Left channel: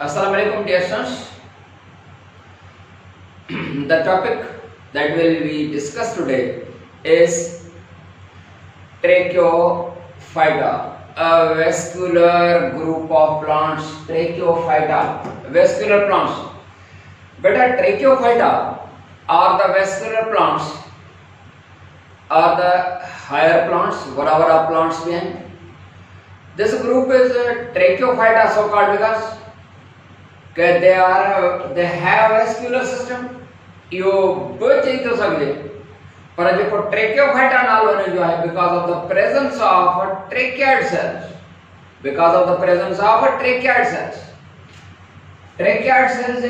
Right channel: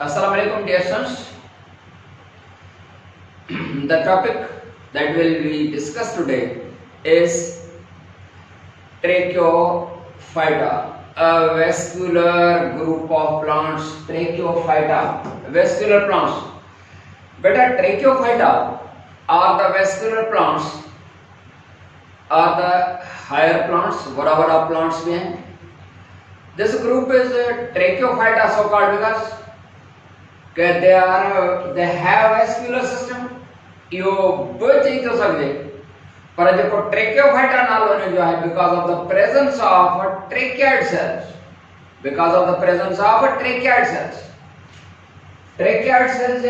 Assalamu alaikum dear students. The topic that will be discussed today is Tracheophyta, a vascular group of plants. Tracheophyta, vascular plants. Beta, Tracheophyta are the vascular plants, are the higher plants, whatever plants behind. This group is Tracheophyta, so called because they have vascular system. यो बच ही तो सकते पर जो ट्रेकियोफाइटा नालो ने जो है because of the presence of tracheid cells, because of the presence of tracheid cells ये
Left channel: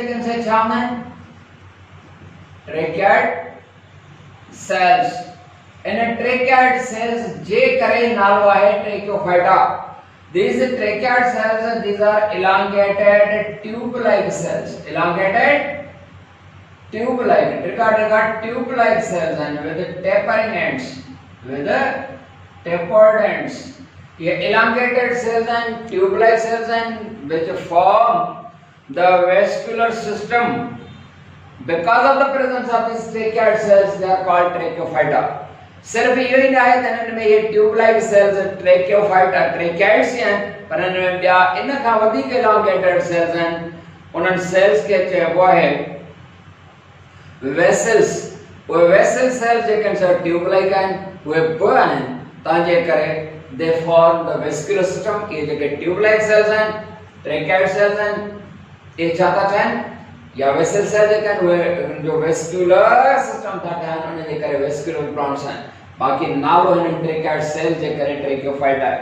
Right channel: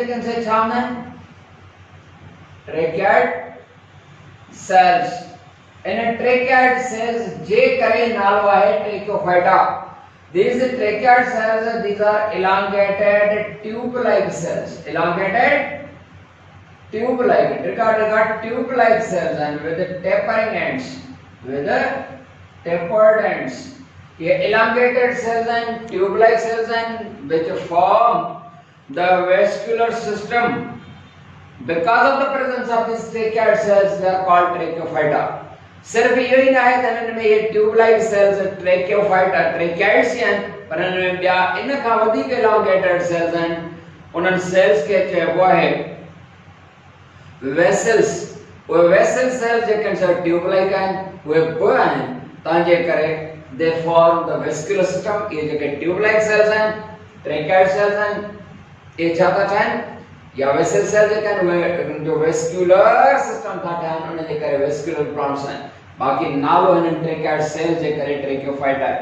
किनसे छावना है tracheid cells इन tracheid cells जे करे नालो है ट्रेकियोफाइटा. These tracheid cells, these are elongated tube-like cells, tube-like cells and with tapering ends, with tapered ends. ये elongated cells and tube-like cells and which form the vascular system. Because of the presence of these tracheid cells, they are called tracheophyta. सिर्फ यही ना है तनन में ये tube-like sales ट्रेकियोफाइटा ट्रेकियाइड्स हैं पर इनमें ॿिया इन खां वधीक elongated cells हैं. उन्हनि सेल्स खे चइबो आहे वेसल्स. उहे वेसल सेल्स जेके ट्यूब-लाइक आहिनि उहे ॿ आहिनि तंहिंजे करे they form the vascular system. इहे जेके ट्यूब-लाइक सेल्स आहिनि ट्रेकियाइड सेल्स आहिनि इहे छा था ठाहिनि या वेसल सेल जेके आहिनि उहे जो वेस्कुलर सिस्टम था ठाहिनि उन जे करे वेस्कुलर प्लांट्स आहिनि. बाक़ी नालो हिननि ट्रेकियाइड सेल जे करे ट्रेकियोफाइटा आहे.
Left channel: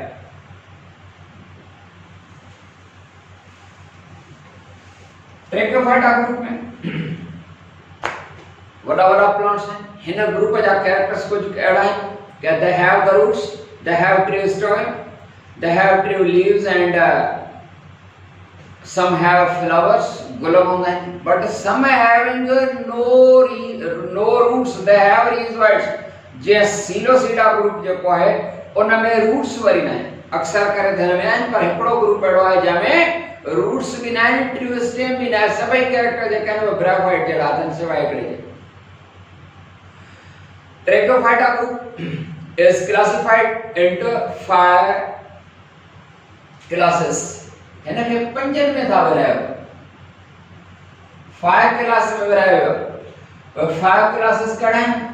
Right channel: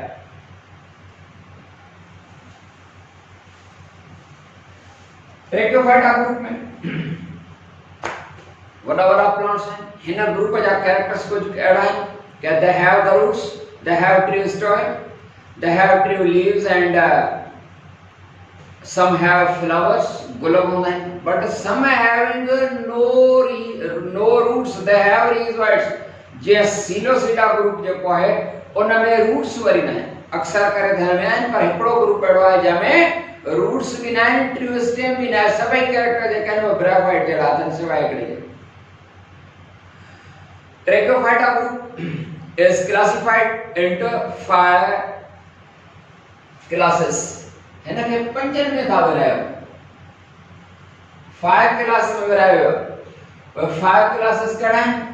ट्रेकियोफाइटा ग्रुप में वड़ा प्लांट्स हैं. हिन ग्रुप जा कैरेक्टर्स कुछ अहिड़ा आहिनि कि they have the roots, they have true stem, they have true leaves and some have flowers, गुलाब होंगे, but some having no roots, they have rhizoids. जे सिलोसिडा ग्रुप जेको आहे उन में रूट्स वरी न आहिनि. अक्सर करे ध्यान में आहिनि पर हिकिड़ो ग्रुप अहिड़ो आहे जंहिंमें रूट्स बि न आहिनि ट्रू स्टेम बि न आहे. सभई कैरेक्टर जेके आहिनि उहे ब्रायोफाइट जहिड़ा आहिनि सवाइ हिकिड़े जे. Tracheophyta group is classified into 5 classes. इनके पंजन में था विरायो 5 क्लास में विरायो. और 5 क्लासेस कहिड़ा आहिनि?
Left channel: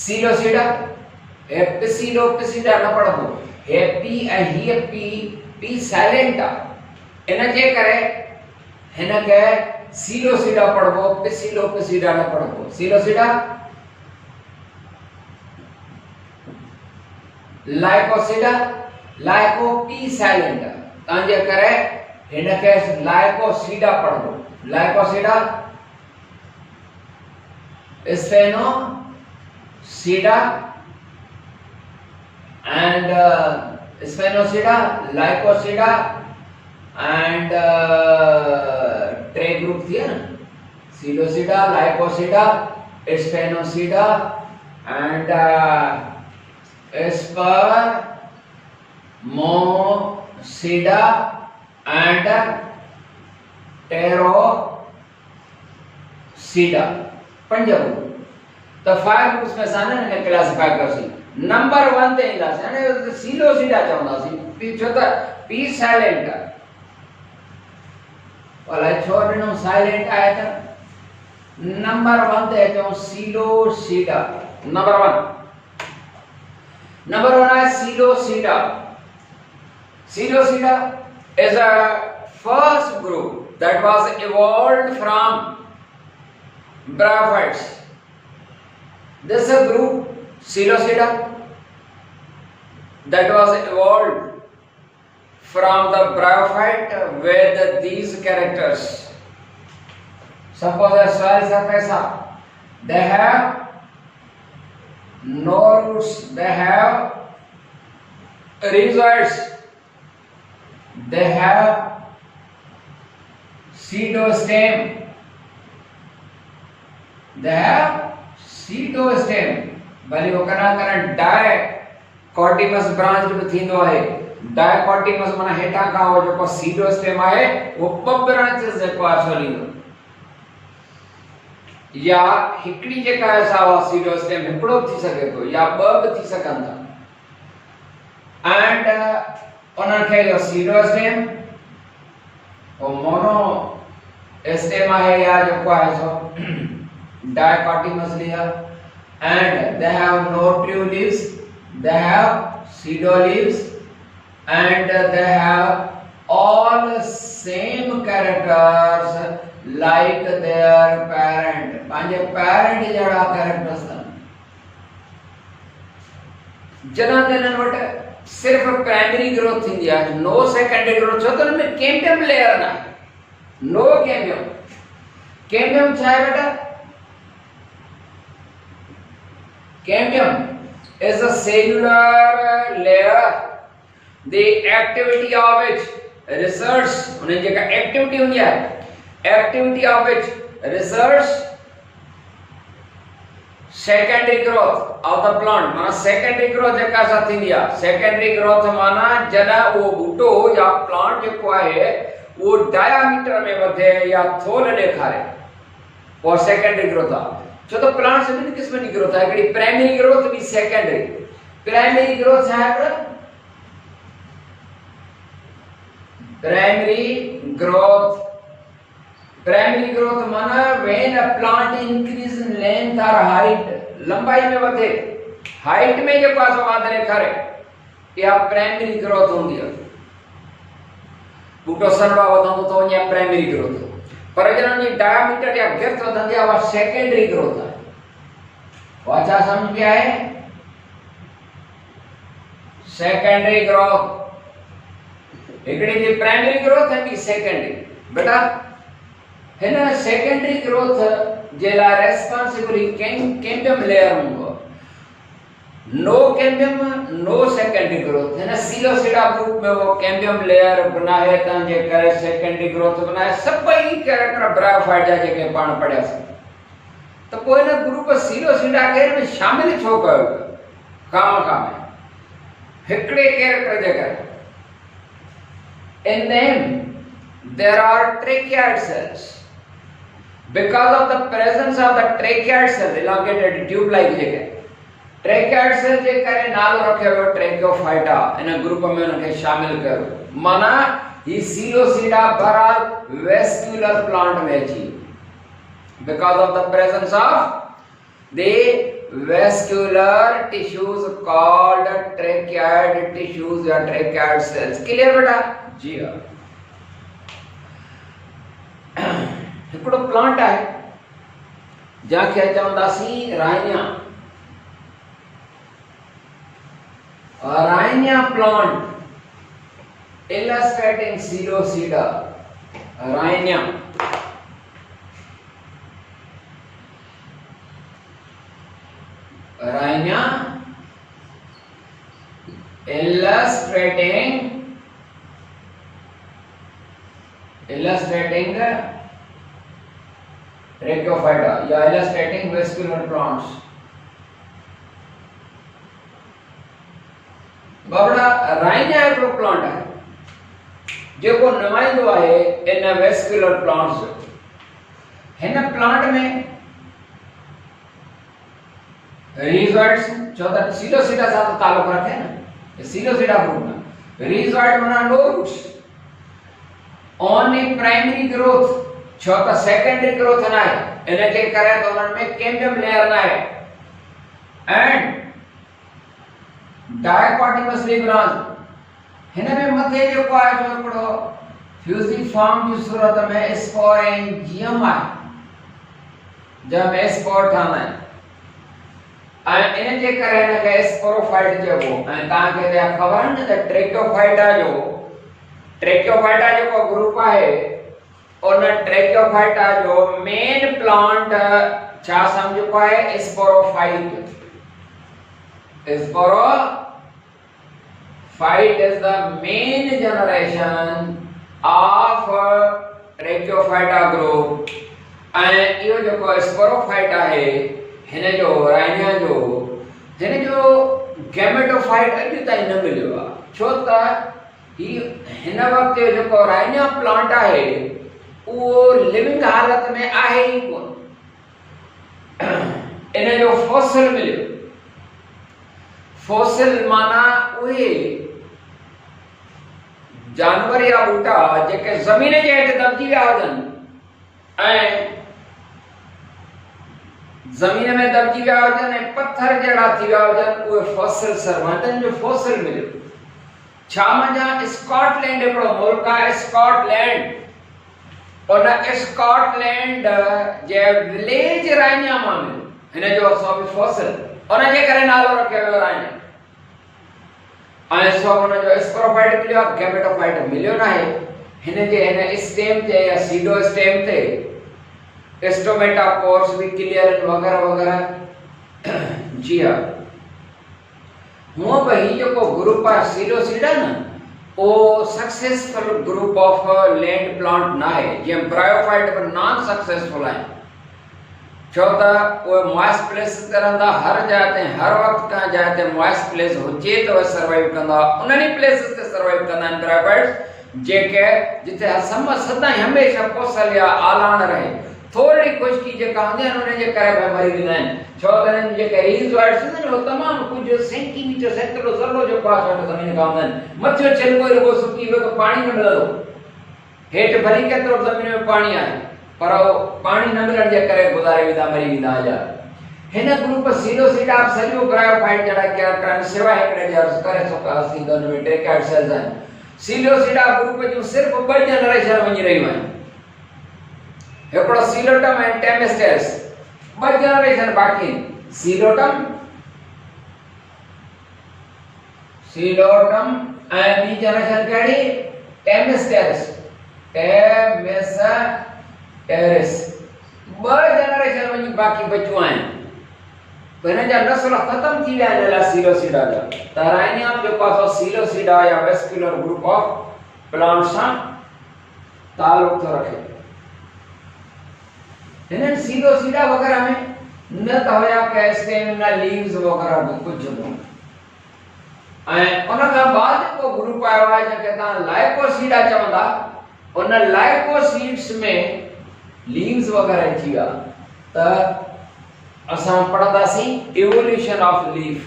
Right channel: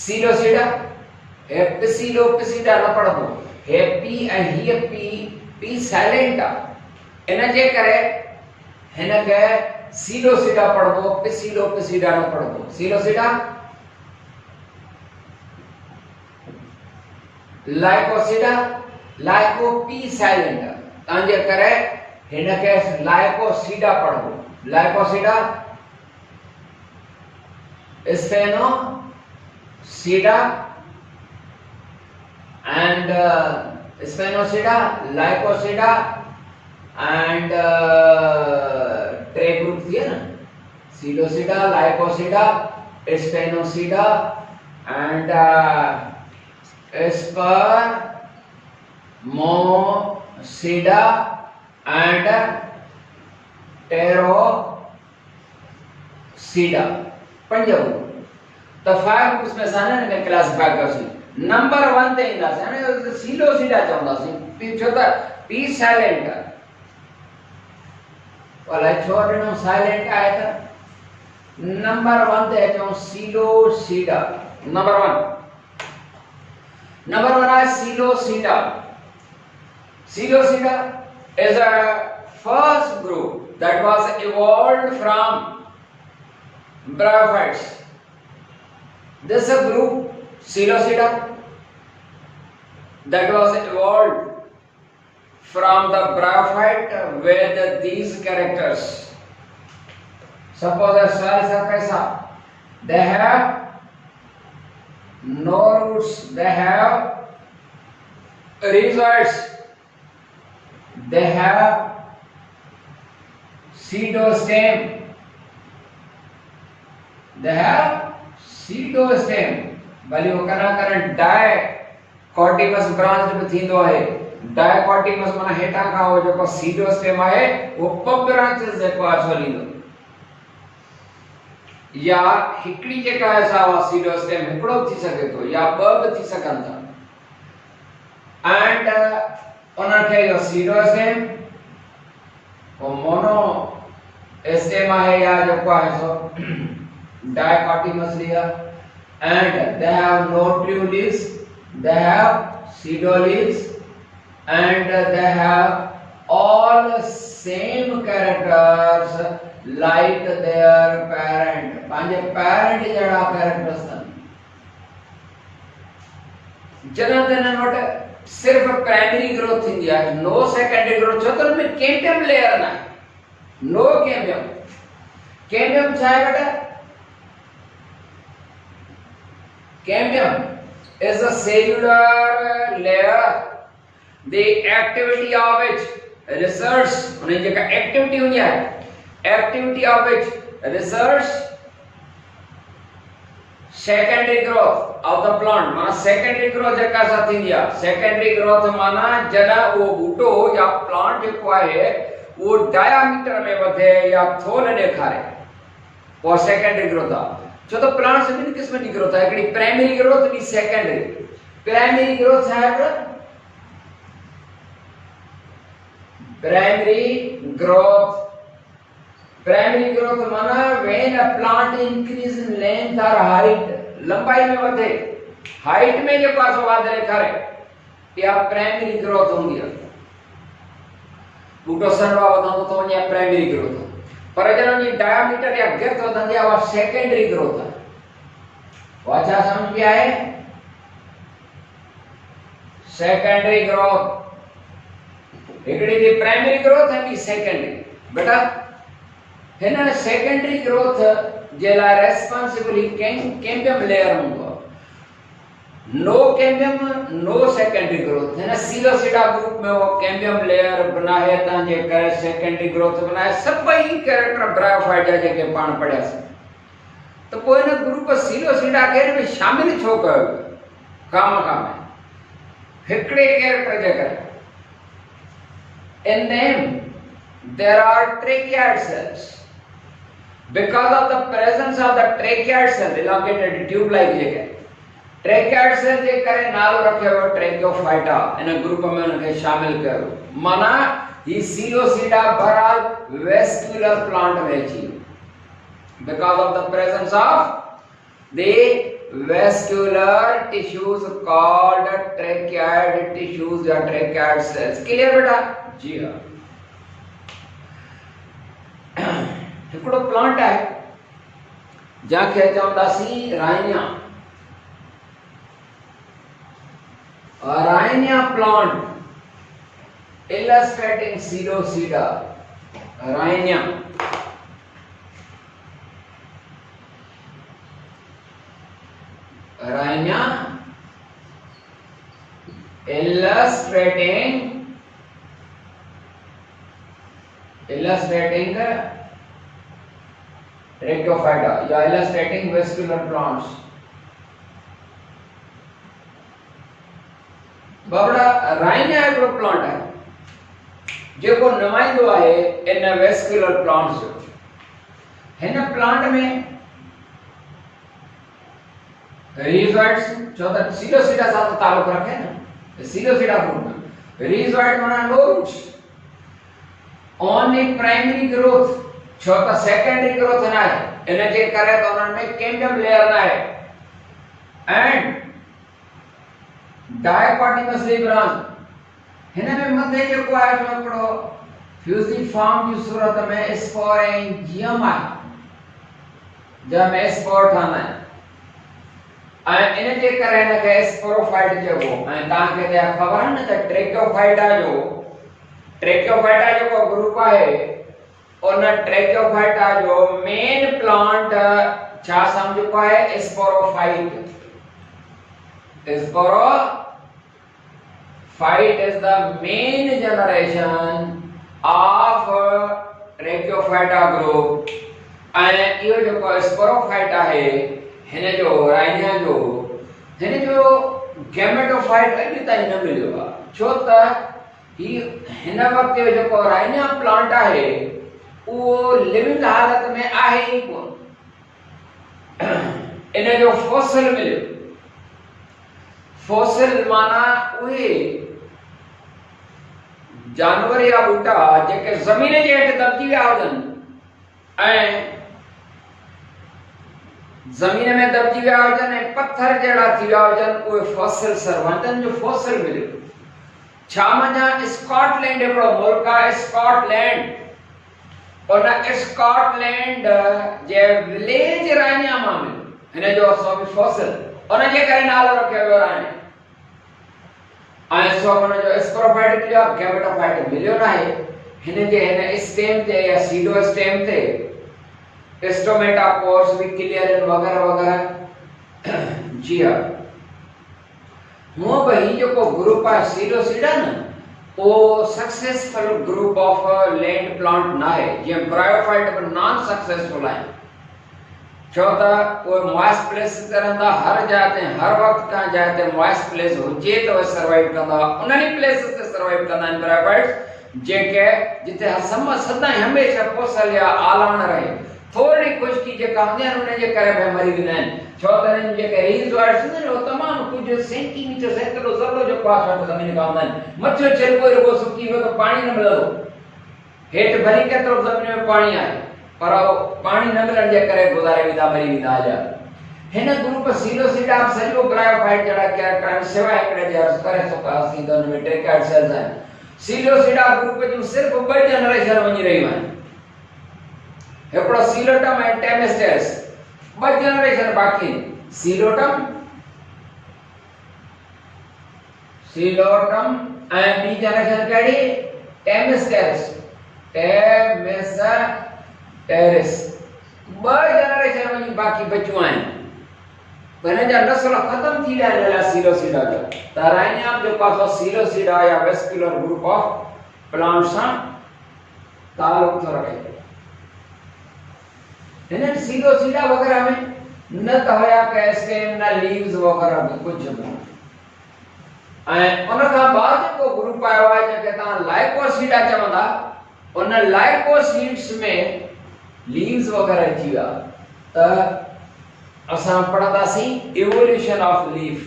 सिलोसिडा एपिसिडोपिसिडा न पढ़ो हैप्पी ऐं हीअ पी साइलेंट आहे इन जे करे हिनखे सिलोसिडा पढ़बो पिसिडोपिसिडा न पढ़बो. सिलोसिडा लाइकोसिडा लाइको पी साइलेंट तंहिंजे करे हिनखे लाइकोसिडा पढ़बो. लाइकोसिडा स्पेनोसिडा and स्पेनोसिडा लाइकोसिडा and ट्रे ग्रुप थी ना सिलोसिडा लाइकोसिडा स्पेनोसिडा and स्पर्मोसिडा and टेरोसिडा. 5 ग्रुप तो 5 ग्रुप्स में साने ने क्लासिफाई करसी. नंबर 1 ते ईंदासीं. हाणे सिलोसिडा चवंदासीं छो त पी साइलेंट आहे. अलाए छो ॾिनो साइलेंट आहे त नंबर 1 ते अचूं सिलोसिडा. नंबर 1 आहे सिलोसिडा. Silosida is a first group that was evolved from bryophytes. This is a group Silosida that was evolved from the bryophyte with these characters. Suppose a soil surface, they have no roots, they have rhizoids, they have pseudostem, they have pseudostem. भले वो कना die कॉर्टिमस branch भी थींदो है। डायकॉर्टिमस माना हेठा का हो जो सीडो स्टेम है वो ब ब्रांचेस जेको आछोलींदो या हिकड़ी जेका ऐसा वा सीडो स्टेम हिकड़ो थी सके तो या ब भी थी सकन था एंड उन्हनि खे जो सीडो स्टेम वो मोनो स्टेम है या जेको है सो dichotomous layer and they have no true leaves, they have pseudo leaves and they have all same characters like their parent. पांजे parent जड़ा characters था जना तनन वटे सिर्फ प्राइमरी ग्रोथ थी दिया नो सेकेंडरी ग्रोथ छो तो में कैम्बियम लेयर ना नो कैम्बियम कैम्बियम छा है बेटा Cambium is a cellular layer, the activity of which research, उन्हें जो का activity हुई है, activity of which research secondary growth of the plant, माना secondary growth जका साथी लिया, secondary growth माना जना वो बूटो या plant जो कोई है, वो diameter में बढ़े या थोल दिखाए, वो secondary growth आ जो तो प्लांट से भी किस्म की ग्रोथ है कि प्राइमरी ग्रोथ भी सेकेंडरी प्राइमरी ग्रोथ है प्राइमरी ग्रोथ माना when a plant increase in length और हाइट लंबाई में बढ़े हाइट में जो पास वादरे करे या प्राइमरी ग्रोथ होंगी बूटो सनवा वधंदो तो या प्राइमरी ग्रोथ पर जन डायमीटर या गर्थ वधंदी आ सेकेंडरी ग्रोथ है वाचा समझ में आए सेकेंडरी ग्रोथ एकड़ी दी प्राइमरी ग्रोथ है कि सेकेंडरी बेटा है ना सेकेंडरी ग्रोथ जेला रेस्पॉन्सिबल कैम्बियम लेयर होगा no cambium no secondary growth है ना सिलोसिडा ग्रुप में वो कैम्बियम लेयर बनाए तांजे करे सेकेंडरी ग्रोथ बनाए सभई कैरेक्टर ब्रायोफाइट जा जेके पाण पढ़या से तो कोई ना ग्रुप सिलोसिडा केर में शामिल छो कयो काम हिकड़े कैरेक्टर जेकर in them there are tracheids cells because of the presence of the tracheids cell elongated tube like JK tracheid cell जे करे नालो रखियो ट्रैकोफाइटा इन ग्रुप में उनके शामिल करो माना ही सिलोसिडा बराल वेस्कुलर प्लांट में छी because of the presence of the vascular tissues called tracheid tissues या ट्रैकेड सेल्स क्लियर बेटा जी हां हिकड़ो प्लांट है जंहिंखे चवंदासीं Rhynia Rhinia plant illustrating pseudocida Rhinia illustrating Tracheophyta या illustrating vascular plants Babra Rhynia हिकड़ो प्लांट है जेको नुमाइंदो आहे इन वेस्कुलर प्लांट्स हिन प्लांट में रिजॉइड्स जो त सिलोसिडा साथ ताल्लुक रखे न सिलोसिडा ग्रुप में रिजॉइड माना no roots only primary growth छो त सेकेंडरी ग्रोथ ना है इन जे करे तो उनन में कैम्बियम लेयर ना है एंड डायकोटिमस ब्रांच हिन में मथे जो को आहे जो हिकड़ो फ्यूजिफॉर्म की सूरत में स्पोरेंजियम आहे जंहिं में स्पोर ठहंदा आहिनि ऐं इन जे करे हिन खे स्पोरोफाइट चइबो ऐं तव्हांखे त ख़बर आहे न त ट्रैकोफाइटा जेको ग्रुप आहे उन ट्रैकोफाइटा जो मेन प्लांट छा सम्झो आहे sporophyte Phyte is the main generation of Tracheophyta group and यो जो स्पोरोफाइटा है हिन जो राइनिया जो हिन जो गैमेटोफाइट अॼु ताईं न मिलियो आहे, छो त हिन वक्त जो जेको राइनिया प्लांट आहे उहो लिविंग हालत में आहे ई कोन। इन जो फॉसिल मिलियो। फॉसिल माना उहे जानवर या ॿूटा जेके ज़मीन जे हेठि दॿजी विया हुजनि ऐं ज़मीन में दॿजी विया हुजनि ऐं पत्थर जहिड़ा थी विया हुजनि, उहे फॉसिल सर्वेंटनि जो फॉसिल मिलियो। छा मञा स्कॉटलैंड हिकिड़ो मुल्क आहे, स्कॉटलैंड। उन स्कॉटलैंड जे विलेज राइनिया मां मिलियो हिन जो असां बि फॉसिल, उनजे करे नालो रखियो वियो राइनिया। ऐं सो हुन जो स्क्रोफाइट मिलियो, गैमेटोफाइट मिलियो न आहे। हिन जे हिन स्टेम ते या सीडो स्टेम ते स्टोमेटा पोर्स भी क्लियर वगैरह वगैरह। जी हाँ, हूँ भी ही जो ग्रुप है सीडोसीडा न, वो successful group of land plant ना है, जे ब्रायोफाइट पर नॉन सक्सेसफुल है। छो त वो मॉइस्ट प्लेस ते रहंदा, हर जगह ते हर वक्त का जगह ते मॉइस्ट प्लेस हुजे तो सर्वाइव कंदा, उन्हनि प्लेसेस ते सर्वाइव कंदा आहिनि ब्रायोफाइट्स जेके जिते सदाईं हमेशा पोसल या आलान रहे। थोड़ी खुशकी जेका हूंदी आहिनि उन जे करे भई मरी वेंदा आहिनि, छो त हिननि जेके रीज़र्वाइट्स हूंदा आहिनि उहो तमामु कुझु सेंटीमीटर सेकड़ो ज़रो जो पास वटि ज़मीन खां हूंदा आहिनि। मथियो छिलको ई रुॻो सुकी वियो त पाणी न मिलंदो, हेठि भली केतिरो ज़मीन में पाणी आहे पर पाणी न मिलण जे करे गुज़ारे वेंदा, मरी वेंदा हुआ। हिन ग्रुप सीडोसीडा सॼो ब्रायोफाइट जहिड़ा कैरेक्टर सिवाय हिकिड़े जे अर्ज़ करे सघंदासीं त हुन में ट्रेकैड सेल्स आहिनि। सीडोसीडा ग्रुप जूं सिर्फ़ु 2 जनरेशन वञी रहियूं आहिनि, हिकिड़ो सीलोटम ऐं टेमेस्टेरिस, 2 जनरेशन बाक़ी आहिनि। सीलोटम ऐं ॿी जनरेशन कहिड़ी, टेमेस्टेरिस। 2 जनरेशन वञी बाक़ी बचियूं आहिनि, हिन जा नस्ल ख़तम थी विया आहिनि सीडोसीडा जा। त राइनिया जो पासो सीडोसीडा या वेस्कुलर ग्रुप ऑफ प्लांट सां ताल्लुक़ थो रखे। हिननि सीडोसीडा वगैरह में न त हुया के स्टेम न लीव्स वगैरह भी कुछ भी। ऐं उन खां बाद जेको ग्रुप आयो आहे जेके तव्हां लाइकोसीडा चवंदा, उन लाइकोसीड्स में लीव्स वगैरह अची विया त असां पढ़ंदासीं evolution of leaf.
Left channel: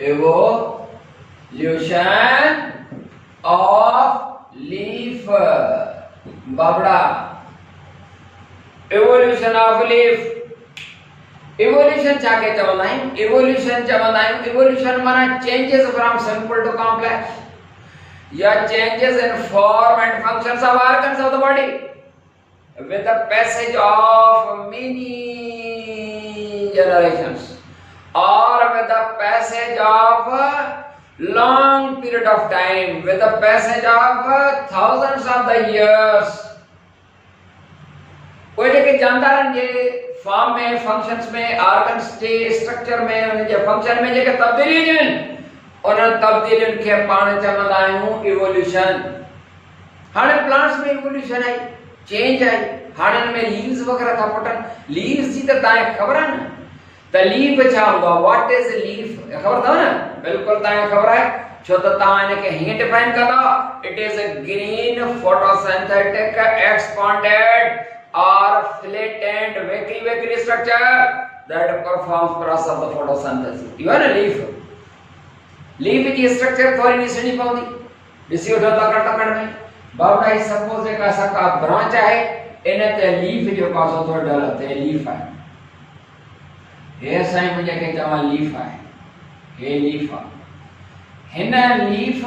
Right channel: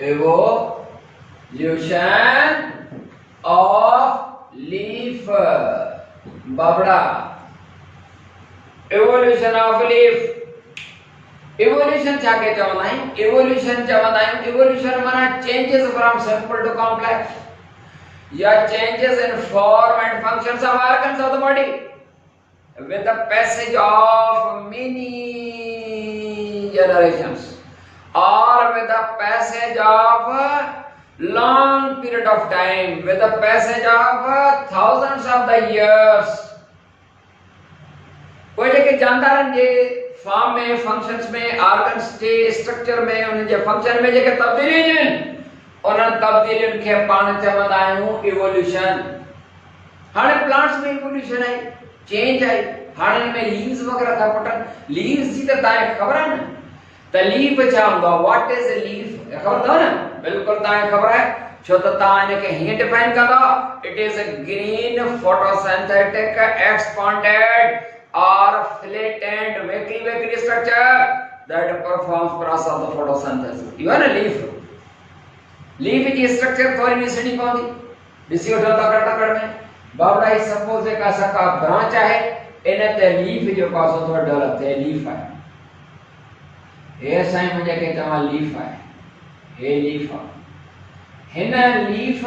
Evolution of leaf बाबड़ा, इवोल्यूशन ऑफ लीफ। इवोल्यूशन छा के चवंदा आहियूं, इवोल्यूशन माना changes from simple to complex या changes in form and functions of organs of the body with the passage of many generations or with the passage of long period of time, with the passage of thousands of the years। कोई जेके जानदारनि जे form में, functions में, organs जे structure में, उन जे function में जेके तब्दीलियूं आहिनि, उन तब्दीलियुनि खे पाण चवंदा आहियूं इवोल्यूशन। हाणे प्लांट्स में इवोल्यूशन आई, चेंज आई, हाणे में लीव्स वगैरह था फुटनि। लीव्स जी त तव्हांखे ख़बर आहे न, त लीफ छा हूंदो आहे, व्हाट इज लीफ ख़बर अथव न, बिल्कुलु तव्हांखे ख़बर आहे, छो त तव्हां हिनखे हीअं डिफाइन कंदा, it is a green photosynthetic expanded और flattened weakly structure that performs process of the photosynthesis. इहो आहे न लीफ। लीफ जी स्ट्रक्चर थोरी ॾिसणी पवंदी, ॾिसी वठो तकड़ में बाबड़ा ही सपोज एक ऐसा का ब्रांच है, इन ते लीफ जो पासो तो डेवलप थे, लीफ है ये साईं मुझे के चवा लीफ है, हे लीफ है। हिन लीफ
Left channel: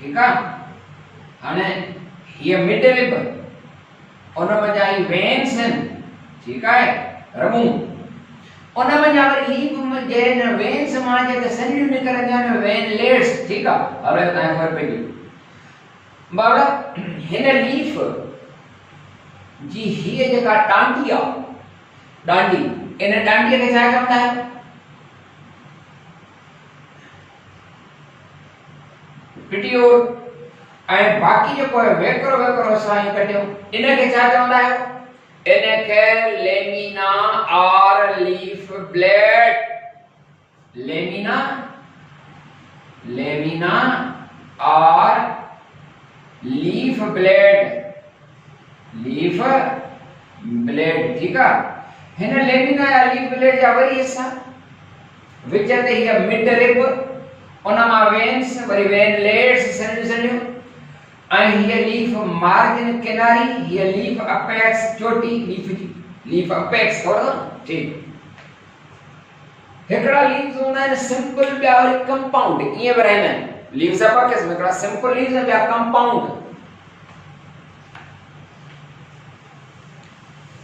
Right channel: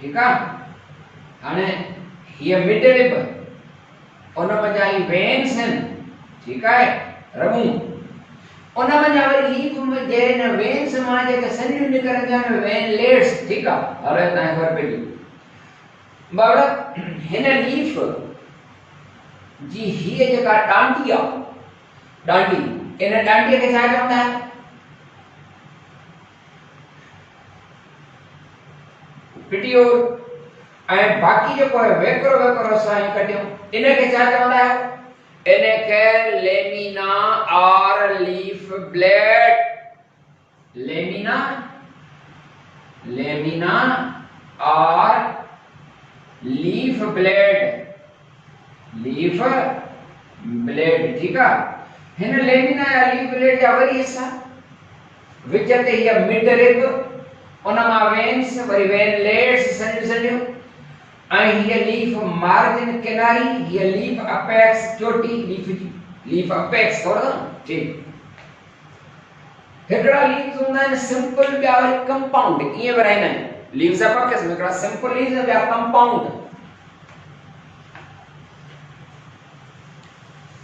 ठीक है, हाने ये मिड रिब उन में जाई वेन्स हैं, ठीक है, रमू उन में जावरी लीफ में जेन वेन्स मां जेके सरियूं निकरंदियूं आहिनि, वेनलेट्स, ठीक आहे, हलो तव्हांखे ख़बर पइजी। बाबा हिन लीफ जी हीअ जेका डांडी आहे, डांडी, इन डांडीअ खे छा चवंदा आहिनि, पिटियोल। ऐं बाक़ी जेको आहे वेकरो वेकरो साईं कढियो, इनखे छा चवंदा आहियो? इनखे लेमिना और लीफ ब्लेड। लेमिना, लेमिना और लीफ ब्लेड, लीफ ब्लेड, ठीक है। हिन लेमिना या लीफ ब्लेड जा वरी हिस्सा विच ते हीअ मिड रिब, उन मां वेन्स, वरी वेनलेट्स सॼियूं सॼियूं, ऐं हीअ लीफ मार्जिन किनारी, हीअ लीफ अपेक्स चोटी, लीफ जी लीफ अपेक्स थोरो ठीक। हिकड़ा लीव्स हूंदा आहिनि सिंपल, ॿिया वरी कंपाउंड, ईअं बि रहंदा आहिनि। लीव्स जा ॿ क़िस्म, हिकड़ा सिंपल लीव्स ऐं ॿिया कंपाउंड।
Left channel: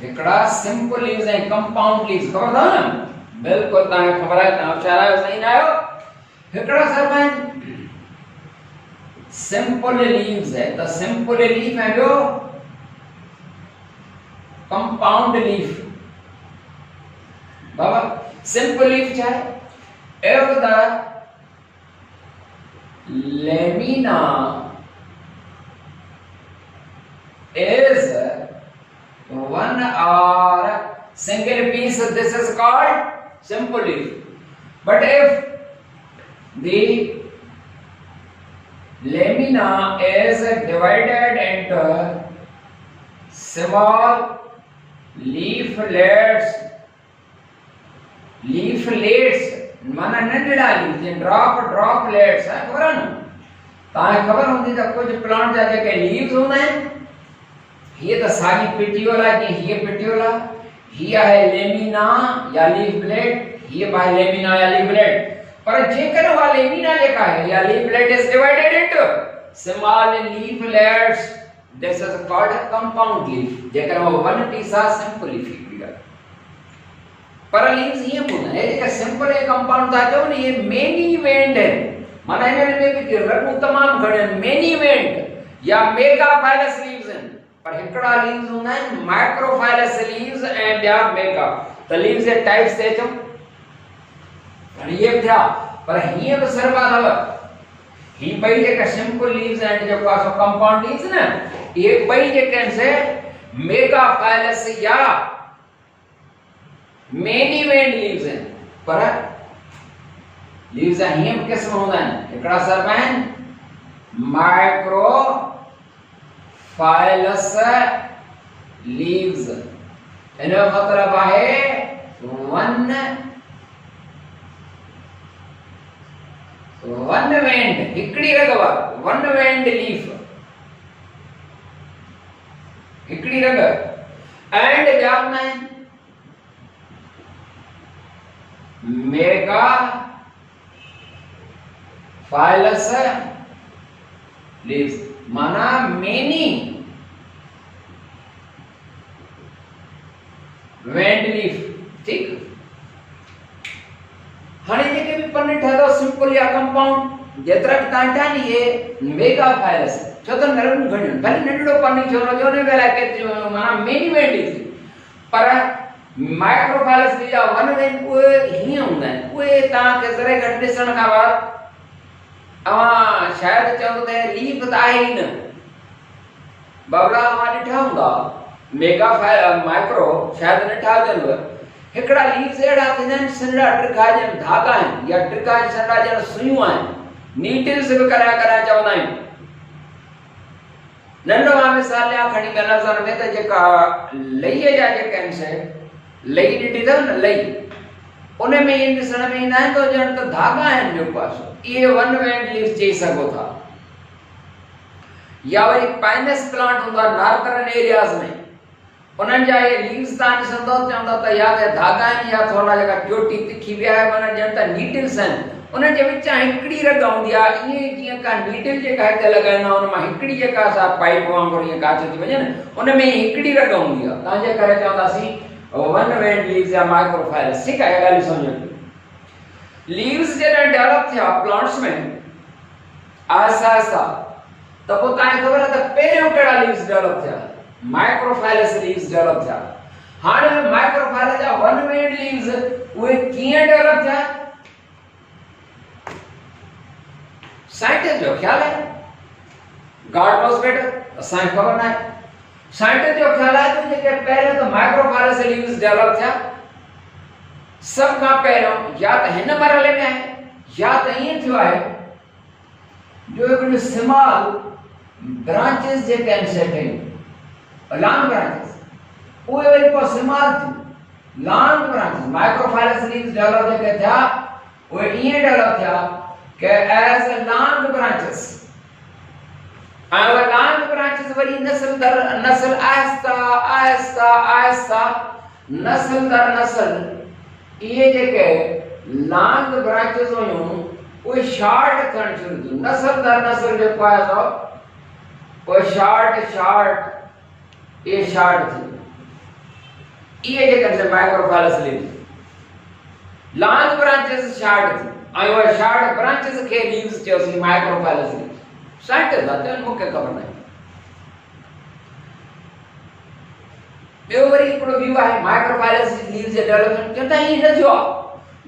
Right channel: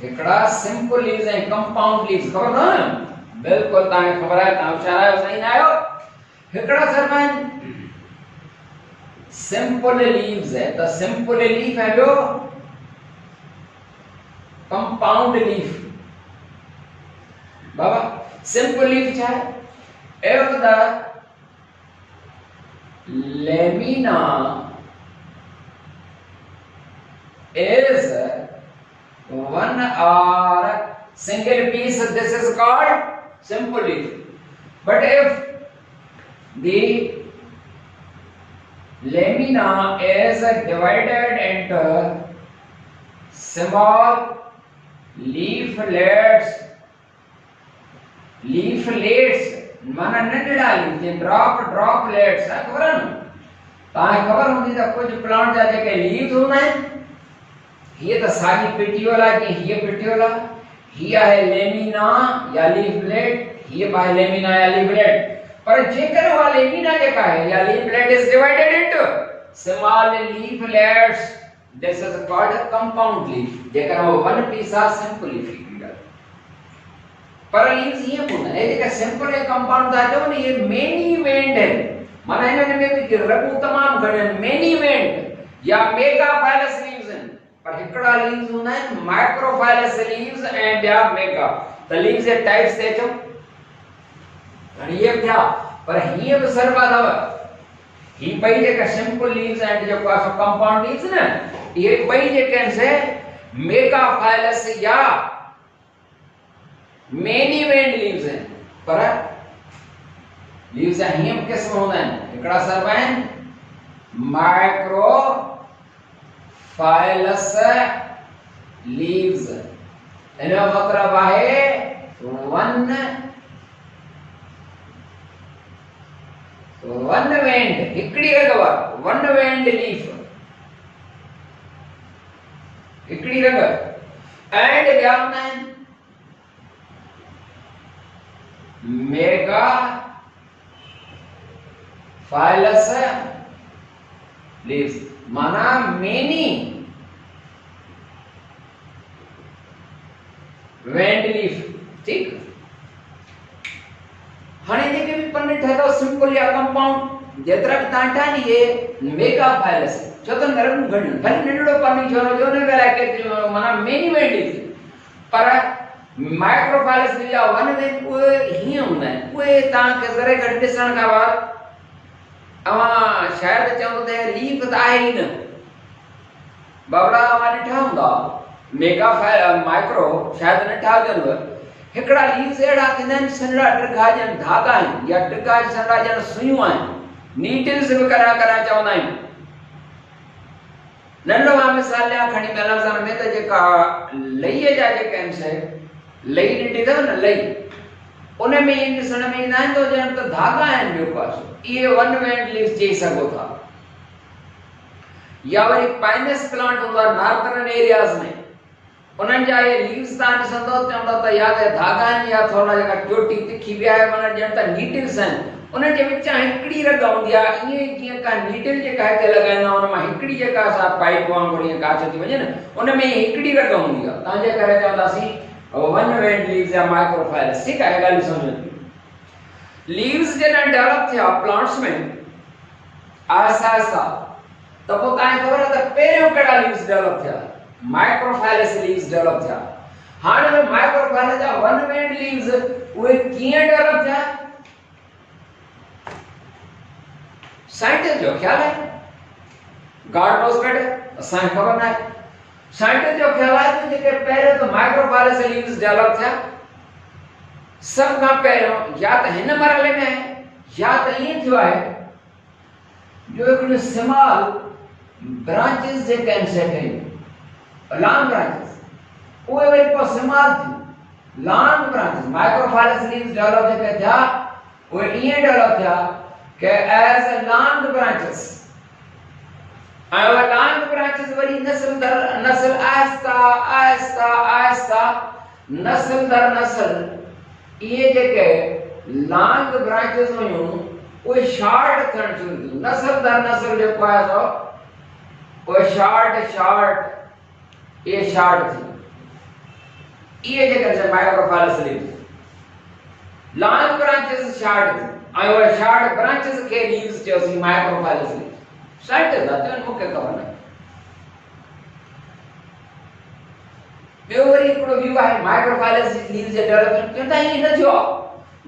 हिकड़ा सिंपल लीव्स ऐं कंपाउंड लीव्स, ख़बर अथव न? बिल्कुल तव्हांखे ख़बर आहे, तव्हां होशियार आहियो, सही न आहियो। हिकड़ा सर आहिनि सिंपल लीव्स है, त सिंपल लीफ है जो कंपाउंड लीफ। बाबा सिंपल लीफ क्या है? If the lamina is one or single piece, this is called simple leaf. But if the lamina is divided into small leaflets, leaflets माना नंढड़ा leaves, drop droplets, खबर है न? तव्हांखे ख़बर हूंदी त कुछ प्लांट जा जेके लीव्स हूंदा आहिनि, हीअ त साॻी पिटियोल आहे, जीअं हीअ पिटियोल आहे, हीअ आहे लेमिना या लीफलेट, हीअ आहे लेमिना या लीफलेट। पर जेकर उहा लेमिना जेका आहे या leaflet is divided into small leaflets, this is called a compound leaf. जेकर वो वन पीस आहे सिंपल लीफ हिकिड़ी आहे। पर लीव्स हीअं हूंदा आहिनि, जेका सिंपल ऐं कंपाउंड था चओ न, इहे मेनी वेंड आहिनि, माना हिननि में बि रगूं तमामु घणियूं आहिनि, मेनी वेंड या मेगाफाइलस लीव्स आहिनि। पर हिकड़ा लीव्स हूंदा आहिनि माइक्रोफाइलस लीव्स ऐं ॿिया मेगा। त लीव्स जे टाइप्स ते अचूं, हाणे इहे थिया, पर हीअं बि सरबा अथव। ही ॿई जेका सिंपल लीव्स आहिनि, जेको आहे कंपाउंड लीव्स न, इहे ॿई जेके आहिनि से मेगाफाइलस या मेनी वेंड लीव्स आहिनि। पर लीव्स जा हीअं बि क़िस्म हूंदा आहिनि, हिकड़ा सरबा आहिनि माइक्रो फाइलस लीव्स। इनजो मतलब आहे वन वेंड, हिकड़ी रग वारो वन वेंड लीफ, हिकड़ी रग। एंड ॿिया हूंदा आहिनि मेगा फाइलस लीव्स, माना मेनी वेंड लीफ, ठीक। हाणे जेके भी पन ठहंदो सिंपल या कंपाउंड, जेतिरा भी तव्हां ठाहिनि, इहे मेगाफाइलस, छो त नरम घणियूं, भले नंढड़ो पन छो न जो ने लाइ माना मेनी वेंड लीफ। पर माइक्रोफाइलस लीव वन वेंड उहे हीअं हूंदा आहिनि, उहे तव्हांखे ज़रे घटि ॾिसण खां बाद अवां शायदि चवंदो त लीफ त आहे ई न। बाबड़ा अवां ॾिठा हूंदा मेगाफाइल माइक्रो, शायदि न ॾिठा हुजनिव। हिकड़ा लीव्स अहिड़ा थींदा आहिनि, सन्हड़ा टिका ॼण धागा आहिनि, या टिका सन्हड़ा ॼण सुयूं आहिनि, नीडल्स बि कराए कराए चवंदा आहियूं। नंढो मां मिसाल ॾियां खणी लफ़्ज़नि में, त जेका लईअ जा जेके आहिनि से, लई ॾिठी अथव न, लई, उन में ईअं ॾिसण में ईंदा आहिनि त ॼण त धागा आहिनि ॿियो पासो, इहे वन वेंड लीव्स चई सघो था। या वरी पाइनस प्लांट हूंदो आहे नॉर्थर्न एरियाज़ में, उन्हनि जा इहे लीव्स तव्हां ॾिसंदव चवंदव त या त धागा आहिनि या थोरा जेका चोटी तिखी विया आहे, माना ॼण त नीडल्स आहिनि। उन्हनि जे विच हिकिड़ी रग हूंदी आहे, ईअं जीअं का नीडल जेका हिते लॻाईंदा आहियूं, उन मां हिकिड़ी जेका असां पाइप वांगुरु ईअं काछ थी वञे न, उन में हिकिड़ी रग हूंदी आहे, तव्हांजे करे चवंदासीं वन वेंड लीव्स या माइक्रोफाइलस, ठीक आहे, ॻाल्हि सम्झो। लीव्स जॾहिं डेवलप थिया प्लांट्स में आहिस्ता आहिस्ता, त पोइ तव्हांखे ख़बर आहे त पहिरियों कहिड़ा लीव्स डेवलप थिया, माइक्रोफाइलस लीव्स डेवलप थिया। हाणे माइक्रोफाइलस जा वन वेंड लीव्स उहे कीअं डेवलप थिया, साइंटिस्ट जो ख्याल है गॉड नोस बेटर, असांखे ख़बर न आहे। साइंटिस्ट जो ख़्याल आहे त जेके पहिरियों त माइक्रोफाइलस लीव्स डेवलप थिया, सब खां पहिरियों या त हिन मरहले में आहे या त ईअं थियो आहे जो हिकिड़ियूं स्मॉल ब्रांचिस जेके आहिनि सेट आहिनि, लॉन्ग ब्रांचिस, उहे वरी पोइ स्मॉल थियूं, long branches microphyllous leaves develop जेके थिया उहे ईअं डेवलप थिया कि एज अ लॉन्ग ब्रांचिस, ऐं उहे लॉन्ग ब्रांचिस वरी नस्ल दर नस्ल आहिस्ता आहिस्ता आहिस्ता नस्ल दर नस्ल इहे जेके लॉन्ग ब्रांचिस हुयूं उहे शॉर्ट थियण शुरू थियूं। नस्ल दर नस्ल जेको आहे सो उहे शॉर्ट इहे शॉर्ट थियूं। इहे जेके microphyllous leaves, long branches short थियूं ऐं उहे शॉर्ट ब्रांचिस खे लीव्स चयोसीं माइक्रोफाइलस लीव्स। साइंटिस्ट आहे मूंखे ख़बर न आहे। ॿियो वरी हिकिड़ो व्यू आहे माइक्रोफाइलस लीव्स जे डेवलपमेंट, चवंदा ईअं न थियो आहे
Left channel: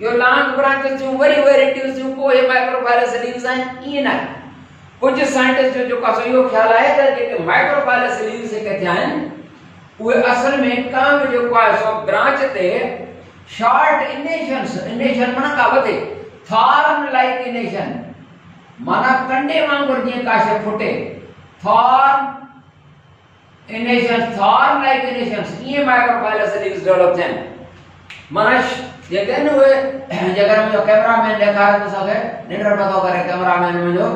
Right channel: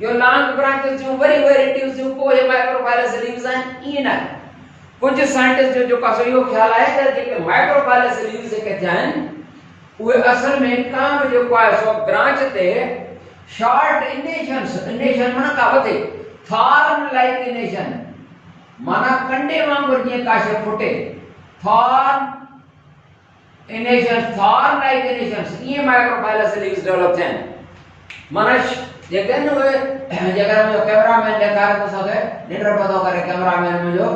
जो लॉन्ग ब्रांचिस थियूं वरी उहे रिड्यूस थियूं पोइ इहे माइक्रोफाइलस लीव्स आहिनि, ईअं न आहे। कुझु साइंटिस्ट जो जेको आहे इहो ख़्यालु आहे त जेके माइक्रोफाइलस लीव्स जेके थिया आहिनि उहे असल में का बि जेको आहे सो ब्रांच ते शॉर्ट इनेशंस, इनेशन माना का वधे, थॉर्न लाइक इनेशन माना कंडे वांगुरु जीअं का शइ फुटे, थॉर्न इनेशंस, थॉर्न लाइक इनेशंस, ईअं माइक्रोफाइलस लीव्स डेवलप थिया आहिनि। माना जेके आहिनि उहे जेकर मुंहिंजो कैमरामैन ॾेखारे थो सघे, निंड नथो करे कैमरामैन मुंहिंजो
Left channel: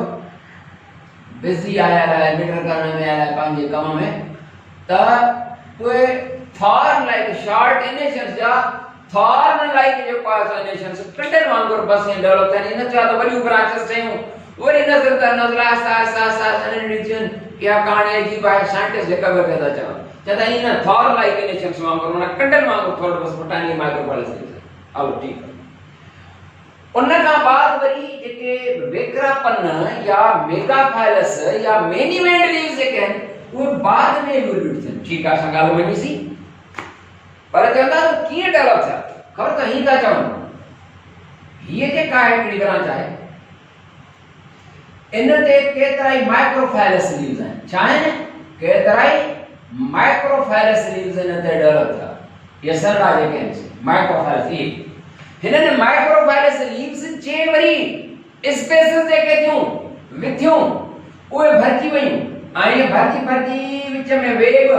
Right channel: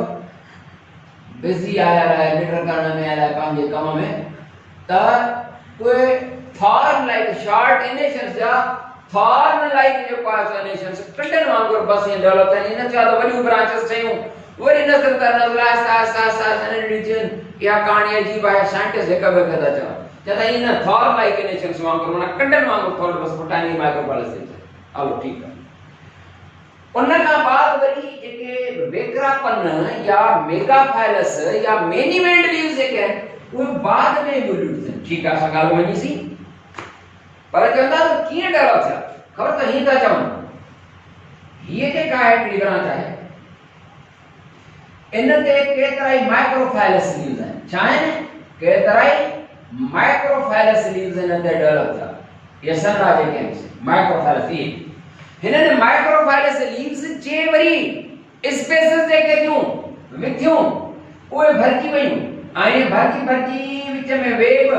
बिज़ी आयल आहे निंड करण में, आयल आहे पंहिंजे कम में, त उहे थॉर्न लाइक शॉर्ट इनेशंस जा थॉर्न लाइक जेको आहे सो इनेशंस कंडे वांगुरु बस ईअं डेवलप थिया आहिनि। इन छा त वॾियूं ब्रांचिस ठहियूं वरी नज़र त नज़र आहिस्ता आहिस्ता आहिस्ता नंढियूं थियूं। इहा कहाणी अजीब आहे, साइंटिस्ट हिक ॿिए खे था चवनि, चवंदा ईअं न थॉर्न लाइक इनेशंस वांगुरु माना कंडनि वांगुरु थोरो बसि फुटाइणी माइक्रोफाइलस लीव्स। हलो ठीकु आहे। उन खां बाद वरी जेके वेक्रापन या मेगाफाइलस या मेनी वेंड लीव्स जेके आहिनि उहे बाद में इवोल्यूट थियनि। ठीकु आहे, असां ॻाल्हि मञीसीं, पर चवंदा त कीअं डेवलप थिया, ख़बर त हीअं था चवनि हीअ जेका आहे हिकिड़ी ब्रांच आहे इन ते केतिरा ई माइक्रोफाइलस लीव्स आहिनि। छा आहिनि? केतिरा ई माइक्रोफाइलस लीव्स इन ते डेवलप थिया। इहे सनरा जेके आहिनि माइक्रोफाइलस लीव्स, हिननि माइक्रोफाइलस लीव्स जे वरी स्पेसिस जेके थियूं विथियूं उहे भरिजी वयूं ऐं भरिजी विच में वेव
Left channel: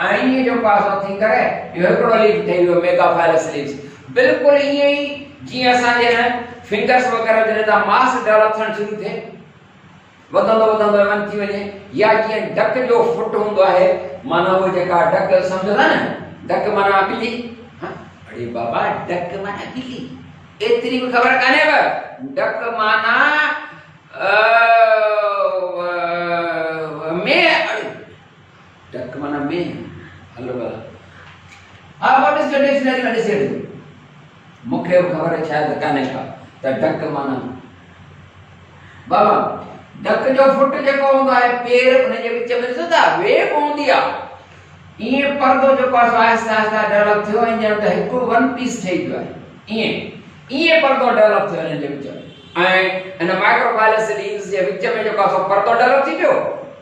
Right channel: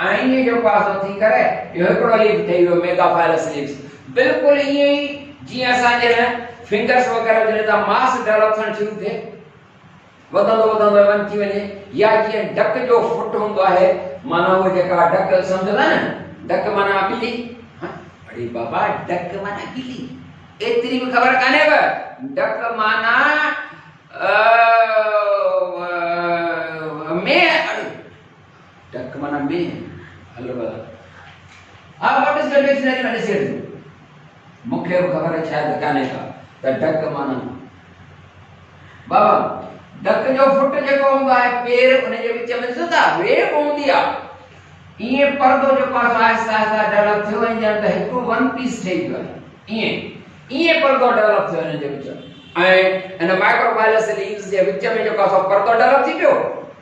ऐं इहे जेको आहे सो थी करे इहो हिकिड़ो लीफ ठही वियो मेगाफाइलस लीव्स। बिल्कुलु ईअं ई जीअं असांजे फिंगर्स वग़ैरह जॾहिं था मास डेवलप थियणु शुरू थिए, वधंदो वधंदो वन थी वञे, या जीअं डक जो फुट हूंदो आहे माना उहो जेका डक सम्झंदा न, डक माना ॿिली, अरे बाबा डक माना ॿिली, एतिरी बि ख़बर कान्हेव। डक माना में, अरे डक माना में, हलो भला हा व्हाट इज द डिक्शनरी में ॾिसे मूंखे ख़बर शायदि कान्हे का त डक माना बाबा डक जो फुट जेको हूंदो आहे पेर उन जे विच में ॾिसो था वेव हूंदी आहे, ईअं परदो जेको आहे आहिस्ता आहिस्ता डेवलप थियो ऐं ॼण त हिकु वन पीस ठही पियो आहे। ईअं परदो डेवलप थियो हिन जे विच में ऐं हिन माइक्रोफाइलस लीव्स जे विच में जेको आहे परदो डेवलप थी पियो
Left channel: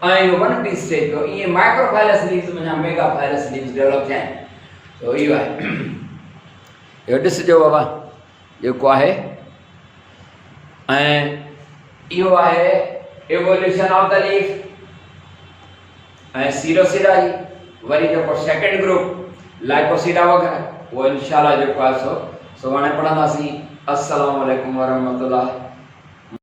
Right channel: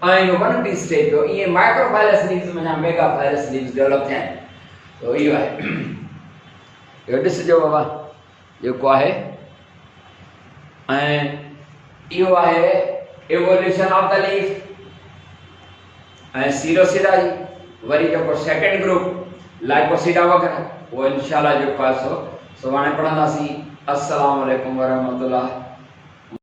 ऐं इहो वन पीस ठही पियो। ईअं माइक्रोफाइलस लीव्स माना मेगाफाइलस लीव्स डेवलप थिया आहिनि। तो इहो आहे, इहो ॾिसजो बाबा जेको आहे, ऐं इहो आहे इवोल्यूशन ऑफ द लीफ ऐं सीरोसिडा जी वरी जेको सेकंड ग्रुप लाइकोसिडा वग़ैरह उहो इंशाअल्लाह जेको आहे सो सुभाणे पढ़ंदासीं। अस्सलाम वालेकुम वरहमतुल्लाह।